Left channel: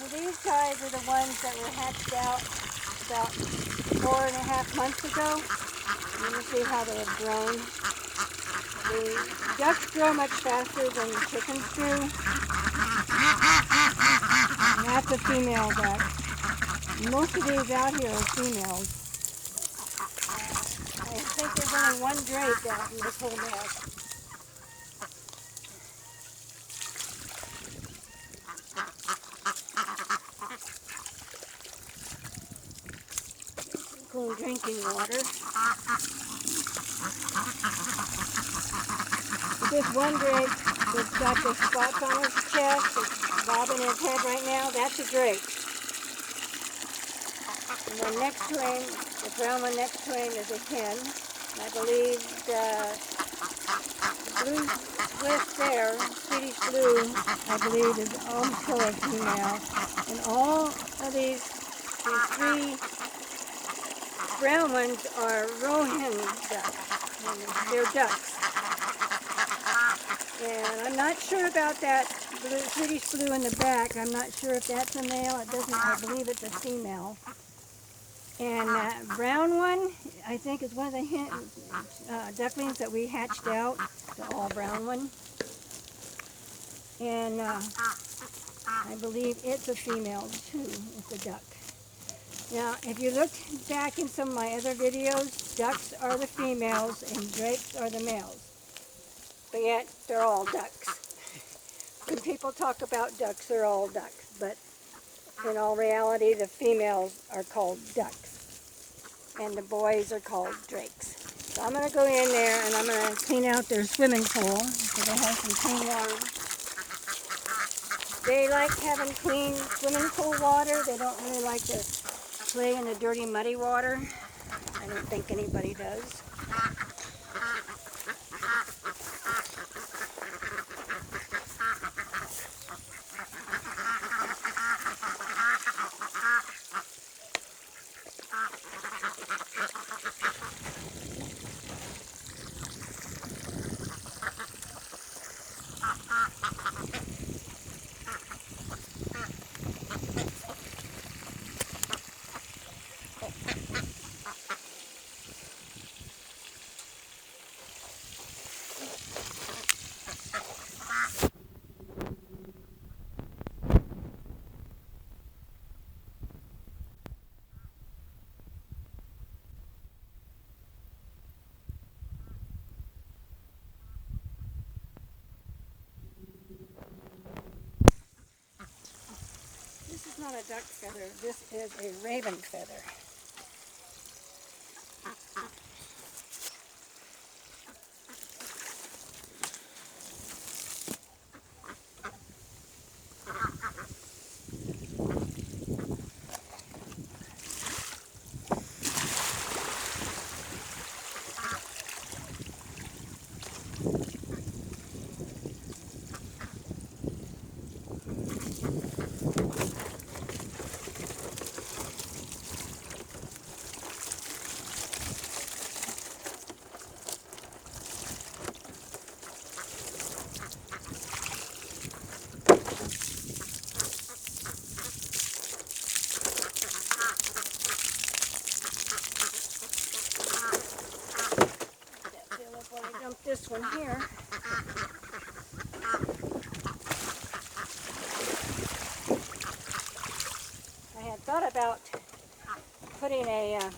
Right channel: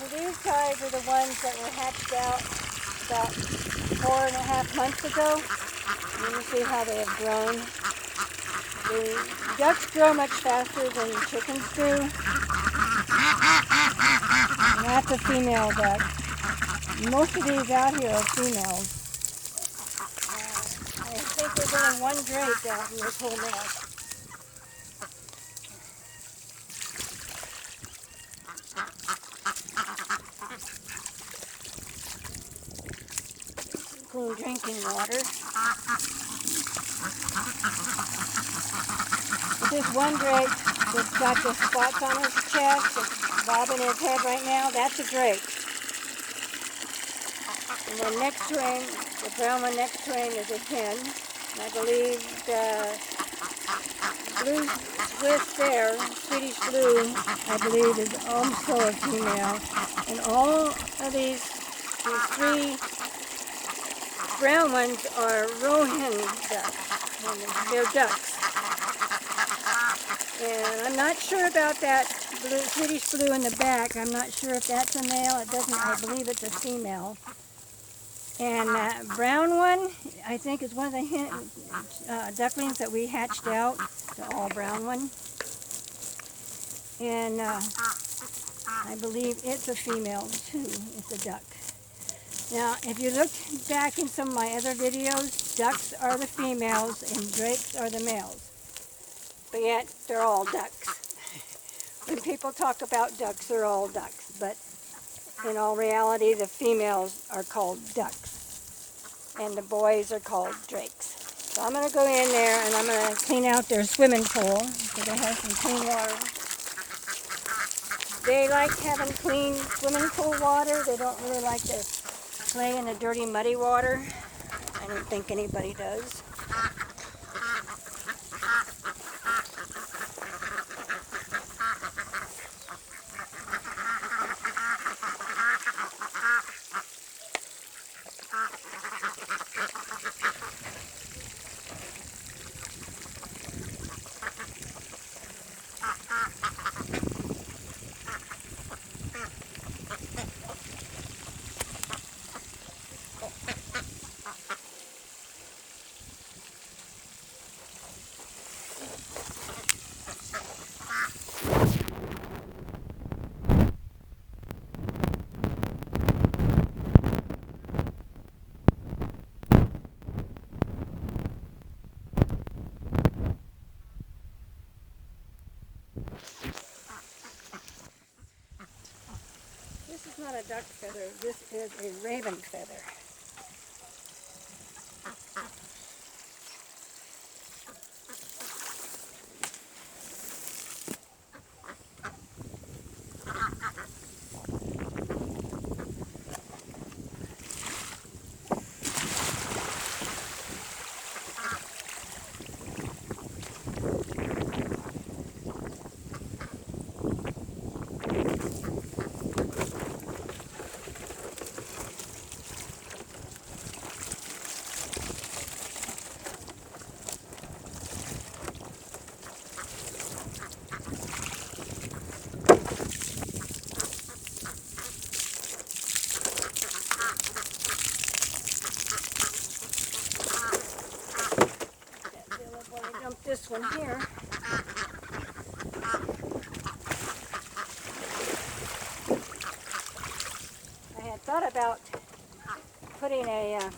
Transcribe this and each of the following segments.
So these guys are the ones that were hatched out about 4.5 months ago. Let me see how they have grown. The ducks grow much faster than the chickens do. And that's a female duck. Most of these out here are females. I think there's only one drake out in this whole nest. Clean drinking water. This one drake that's got the spots on his chest, that's bobbing his head right now, that's a drake. And then next to him, the brown one next to him is a hen. I believe the blue Swiss there, Swedish blue, I believe is also a female. And all of these three brown ones are roe-hen ducks. And they're ducks. And I'm not sure about that blue, Swedish blue in the back. I'm not sure if that's a male. It doesn't. I believe it's a female. And that brown one, I think, is one of the ducklings that we hatched out, the all brown one. And I believe it's a female too. It's a duck. Now, if you look back in some of my other videos, ducks are the females and drakes are the males. But yet, they're all ducks. When people talk about ducks, they're all ducks. But in all reality, the females are called ducks. And the boys are called drakes. So I'm going to go in there and I'm going to clean out their swimming pool so they have some clean water. They like having clean swimming pool water. They don't really like to play in the dirty, muddy water. I don't think anybody does. This is not a duck feather, this is a raven feather. This one here. I had thought about putting a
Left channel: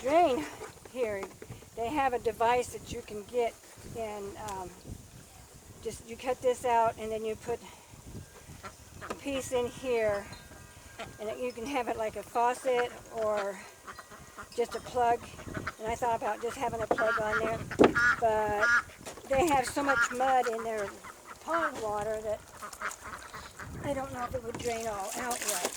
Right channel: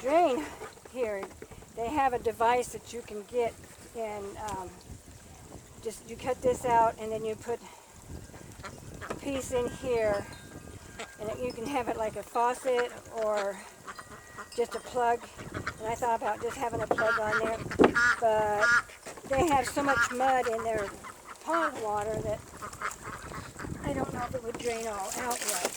drain here. They have a device that you can get and just you cut this out and then you put a piece in here and you can have it like a faucet or just a plug. And I thought about just having a plug on there, but they have so much mud in their pond water that I don't know if it would drain all out right.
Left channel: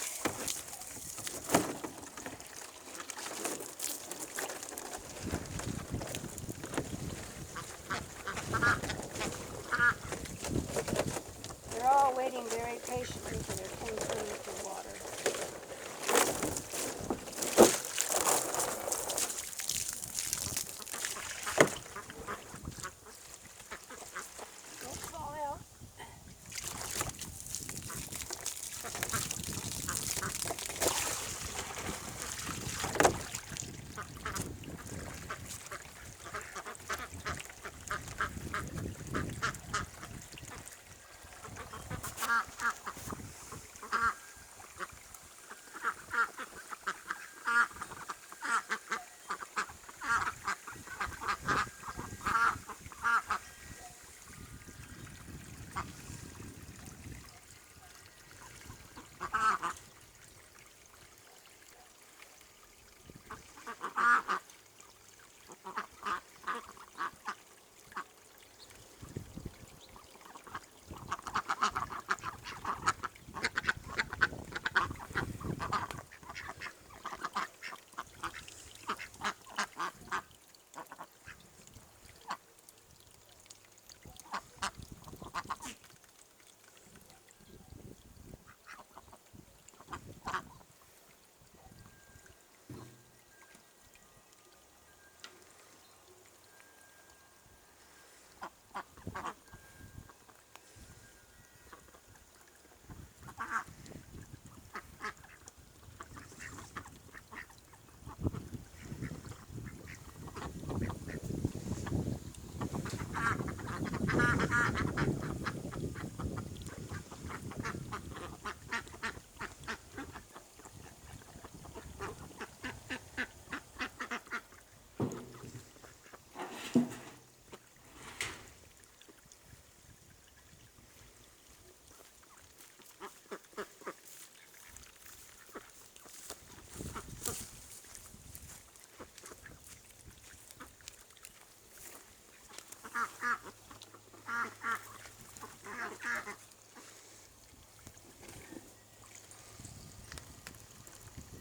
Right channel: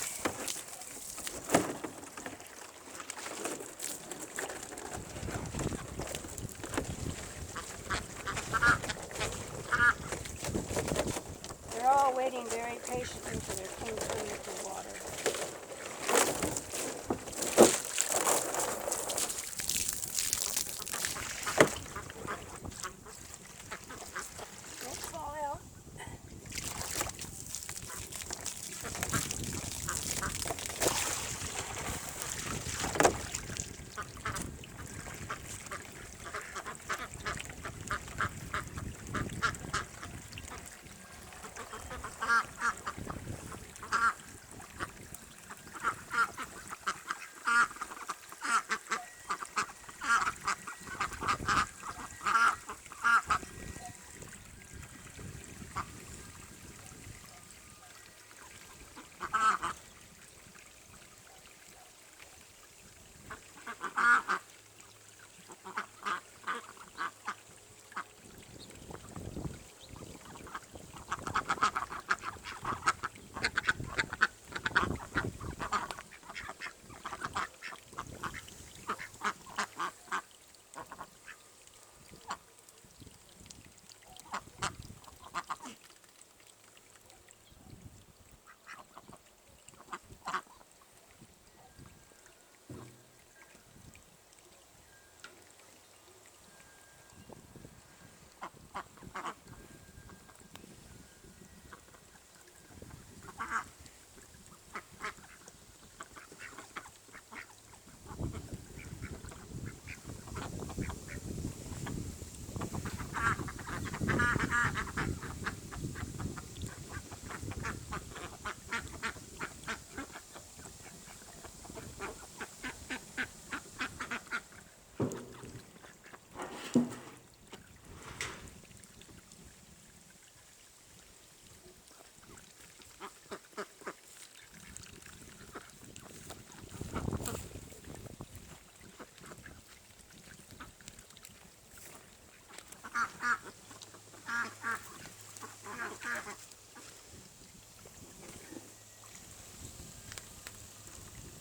They're all waiting very patiently for their clean drinking water. Don't fall out.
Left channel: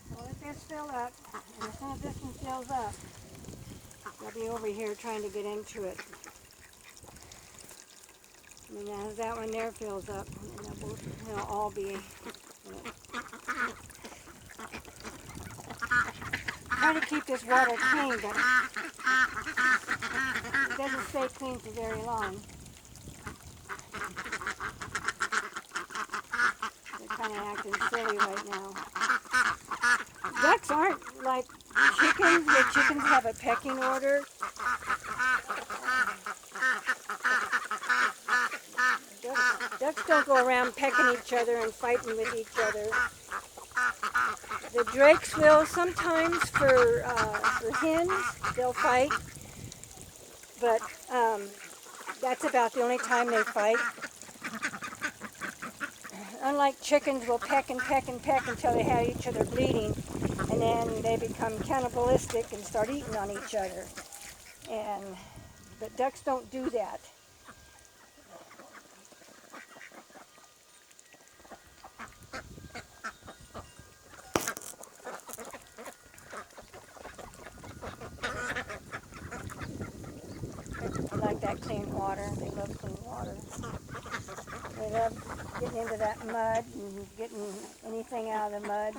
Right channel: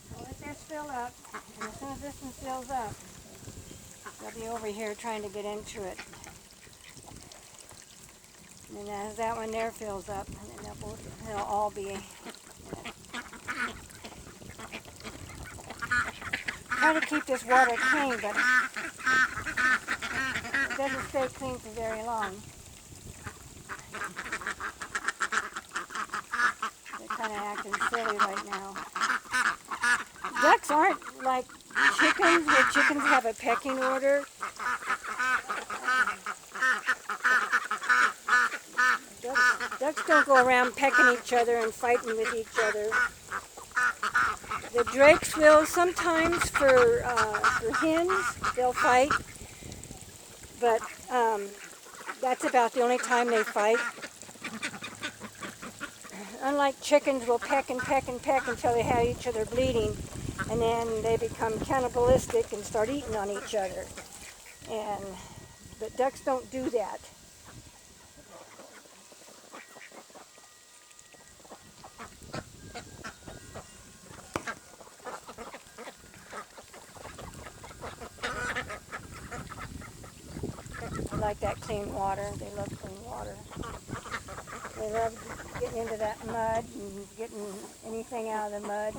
So let this fill up, and as soon as this one fills up, they'll be over here trying to get into it. And then as that one there fills up, and they'll all be. Try to keep this water clean, but it doesn't stay clean for very long. They're kind of acting silly right now. Ducks aren't like chickens, where chickens have a pecking order. Ducks don't go around pecking each other and fighting with each other. The drakes will sometimes for hens, they'll fight, but that's about the only time they fight. Unlike chickens, will peck and peck and peck until they have each other bleeding, and then they become cannibalistic and start eating on each other. But ducks don't do that. They like that clean water. They love clean water. They love getting into that mud and getting anything out of the mud.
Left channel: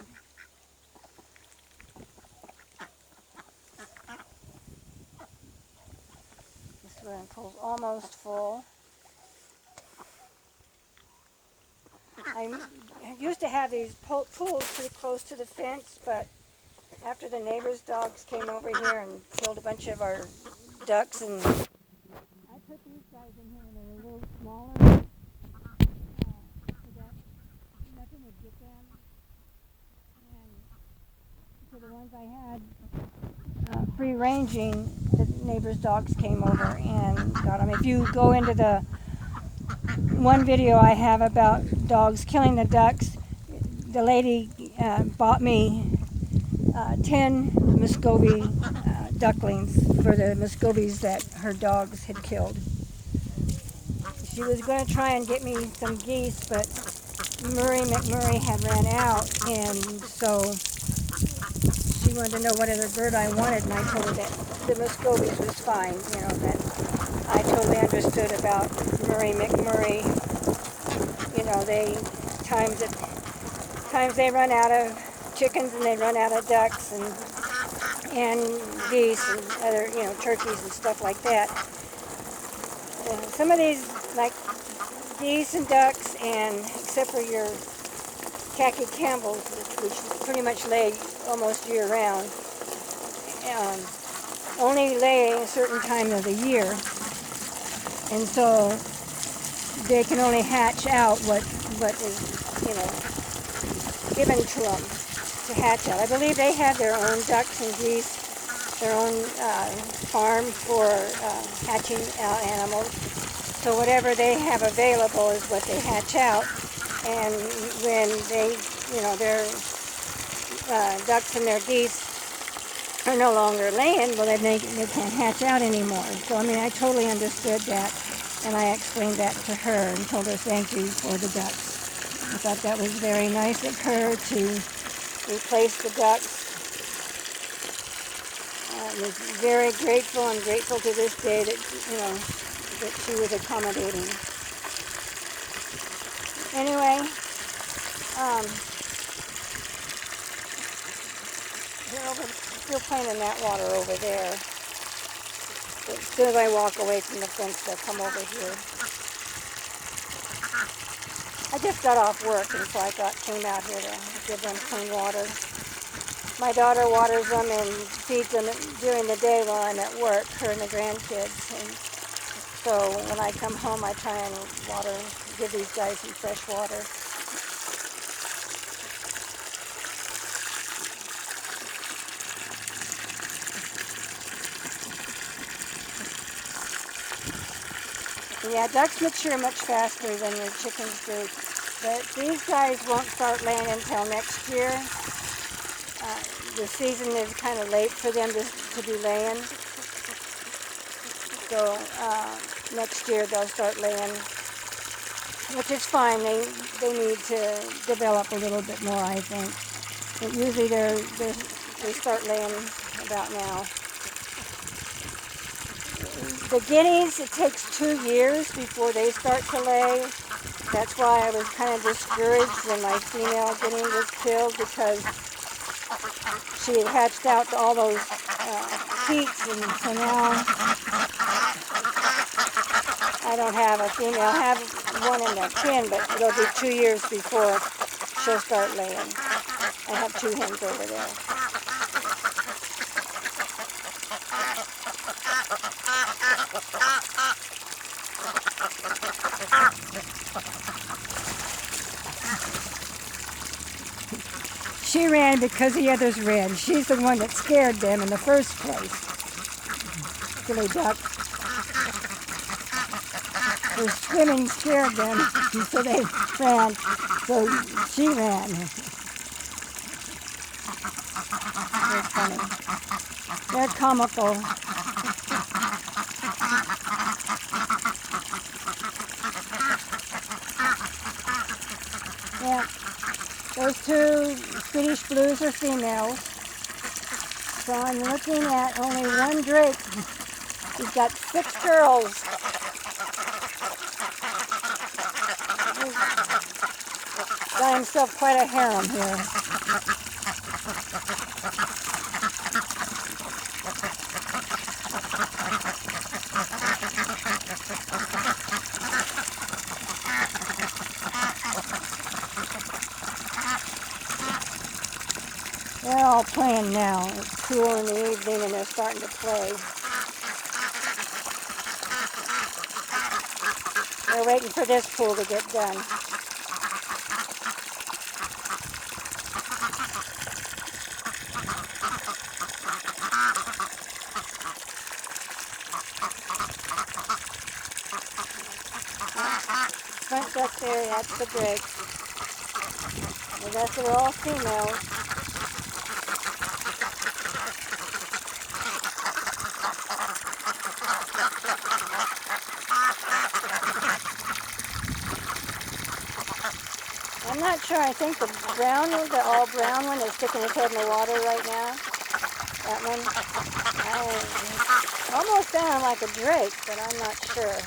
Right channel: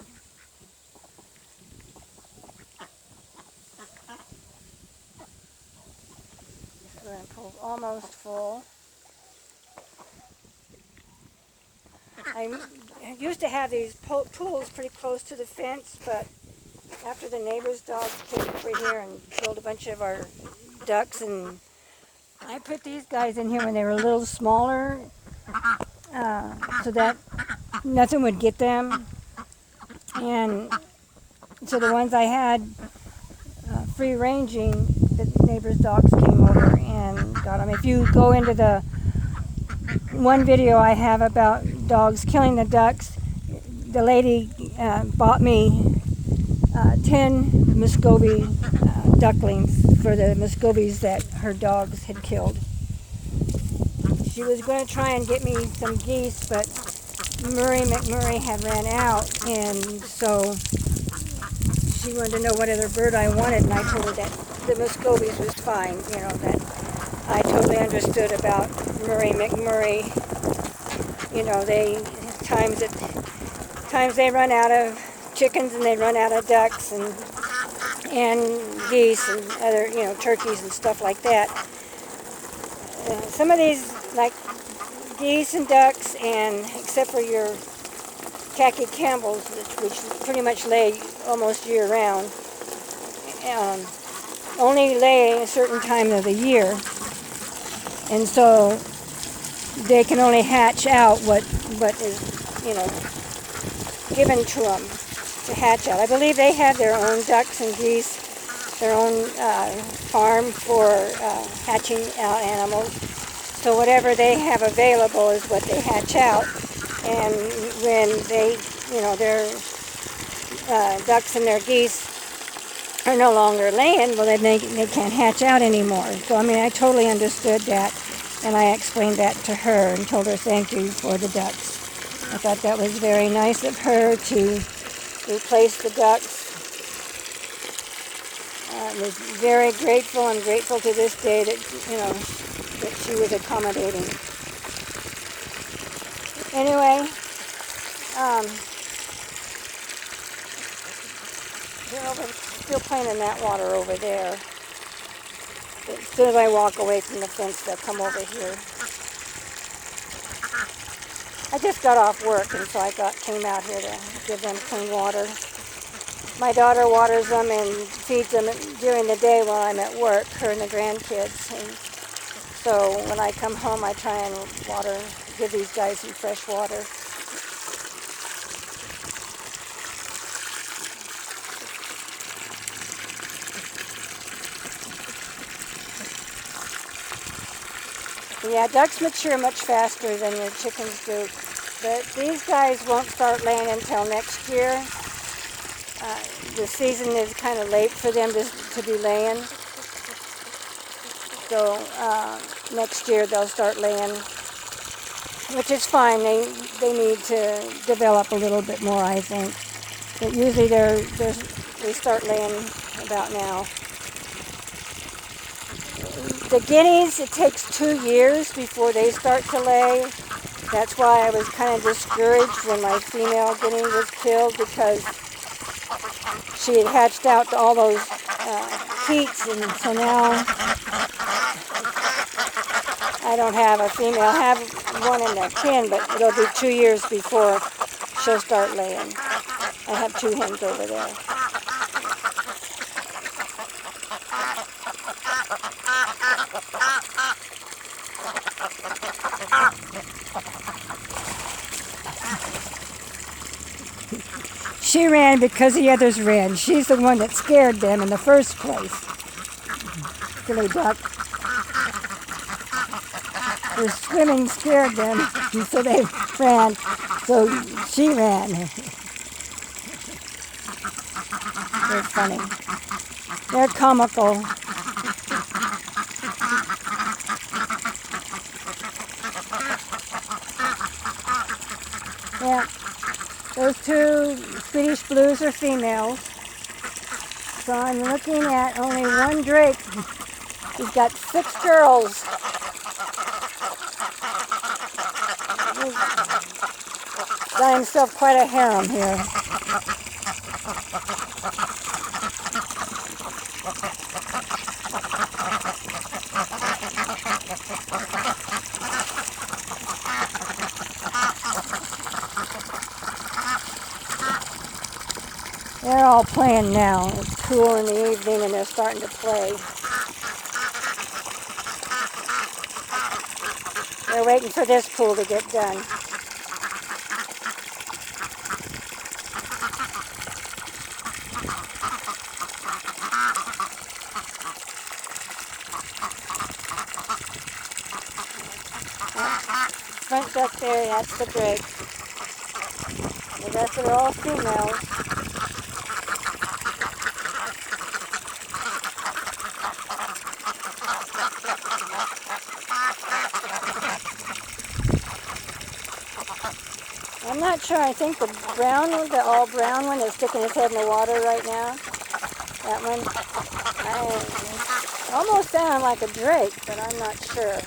This swimming pool's almost full. I used to have these pools pretty close to the fence, but after the neighbor's dogs came over here and killed a bunch of our ducks, and I put these guys in here when they were a little smaller, so that nothing would get them. And so the ones I had free ranging, the neighbor's dogs came over and got them. If you go into the one video I have about dogs killing the ducks, the lady bought me 10 Muscovy ducklings for the Muscovies that her dogs had killed. She was going to try and get me some geese, but Murray McMurray had ran out, and so she wanted to know what other bird I wanted, and I told her that the Muscovies was fine, that I totally understood about Murray McMurray. Times they run out of chickens and they run out of ducks and geese and other, turkeys and stuff like that. Some of these, like geese and ducks, and except for your khaki Campbells, which pretty much lay almost year-round, only lay a certain time of the year, and so they can only hatch out what is, given to them to hatch out. I believe they have their own ducks and geese, their own farm for hatching out animals. So whatever they have available is what they hatch out. And when they, their ducks and their geese are no longer laying, well, then they can't hatch out anymore. So, I totally understood that, and I explained that to her and told her thank you for the ducks. I thought that was very nice of her to replace the ducks. I was very grateful and grateful to this day that, that she was accommodating. Anyway, they're still playing in that water over there. But as soon as I walk away from the fence, they'll come over here. I just got off work, and so I came out here to give them clean water. My daughter waters them and feeds them during the day while I'm at work, her and the grandkids. And so when I come home, I try and give these guys some fresh water. Yeah, ducks mature much faster than your chickens do. But these guys won't start laying until next year. The season is kind of late for them to be laying. So next year they'll start laying, which is fine. They need to develop a little bit more, I think. But usually they start laying about now. The guineas, it takes 2 years before they start to lay. That's why I was kind of discouraged when my female guinea was killed, because she had hatched out all those heats, and so now I don't have a female. I have one in the pen, but it'll be 2 years before she'll start laying. I have 2 hens over there. She ran because the others ran. She's the one that scared them in the first place. Silly duck. The swimming scared them, and so they ran. So she ran. They're funny. They're comical. Yeah. Those 2 Swedish blues are females. So I'm looking at only 1 drake. He's got 6 girls. He's got himself quite a harem here. They're all playing now. It's cool in the evening and they're starting to play. They're waiting for this pool to get done. Front duck there, that's the drakes. The rest are all females. I'm not sure. I think the brown one, the all brown one, is sticking his head in the water right now. That one. I almost sounded like a drake, but I'm not sure.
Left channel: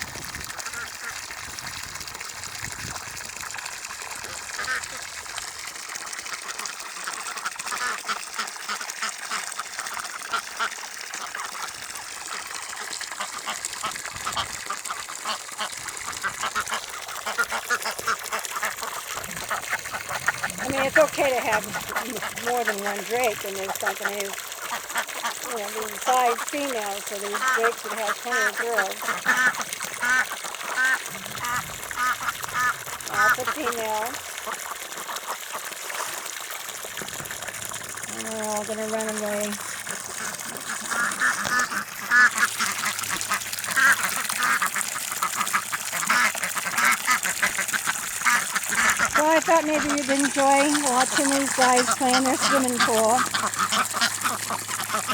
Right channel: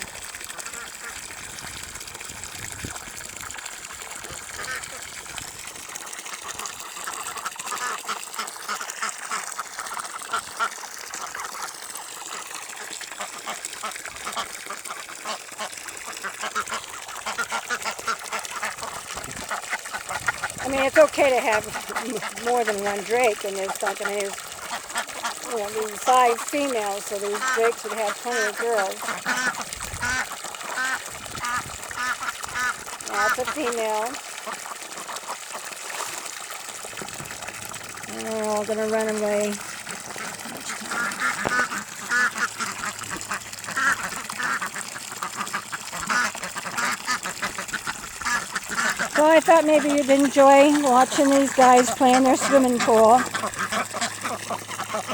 I mean, it's okay to have more than 1 drake in this something. There's 5 females, so these drakes would have plenty of girls. That's a female. And they're all going to run away. So I thought maybe you'd enjoy watching these guys play in their swimming pool.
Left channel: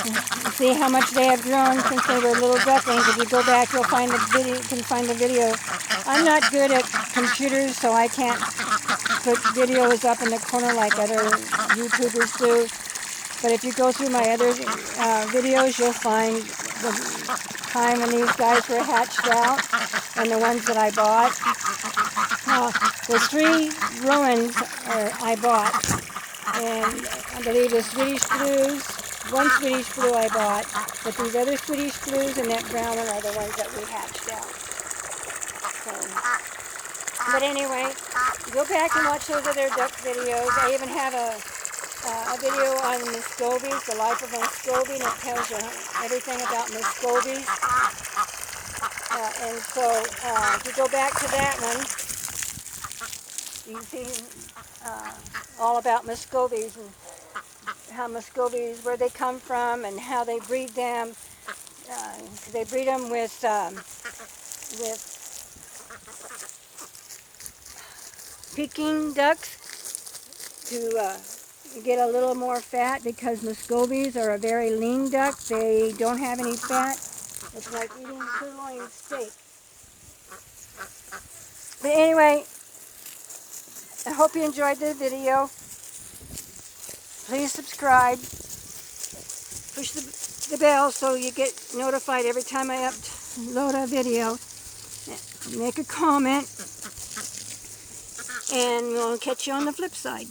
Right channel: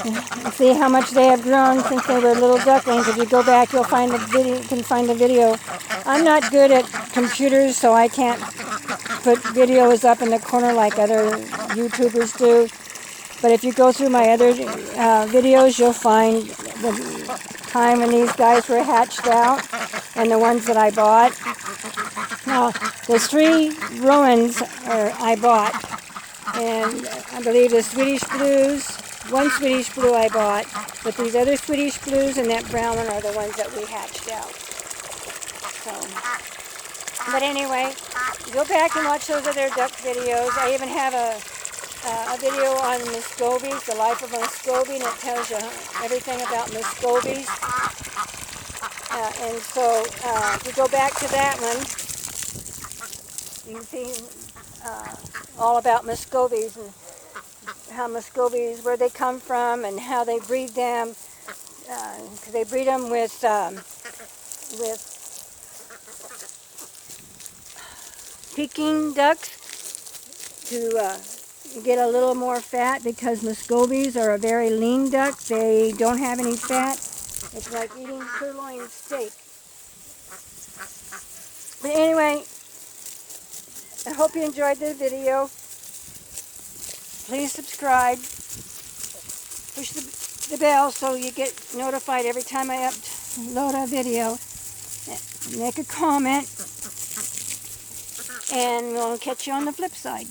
And see how much they have grown since they were little ducklings. If you go back, you'll find the video. You can find the video. I'm not good at computers, so I can't put videos up in the corner like other YouTubers do. But if you go through my other videos, you'll find the time when these guys were hatched out and the ones that I bought. Now, the 3 Roans I bought, and I believe the Swedish Blues, 1 Swedish Blue I bought, but these other Swedish Blues and that brown one are the ones that we hatched out. So, but anyway, go back and watch those other duck videos. I even have a video on Muscovies, the life of a Muscovy, and it tells you everything about Muscovies. And so if you go back to that one, you can see all about Muscovies and how Muscovies, where they come from and how they breed them. They breed them with Peking ducks to get a little more fat, because Muscovies are a very lean duck. They don't have any fat. It's like eating sirloin steak. But anyway, I hope you enjoyed the video. Please subscribe. Push the bell so you get notified every time I upload a video. Make a comment. And we'll catch you on the flip side.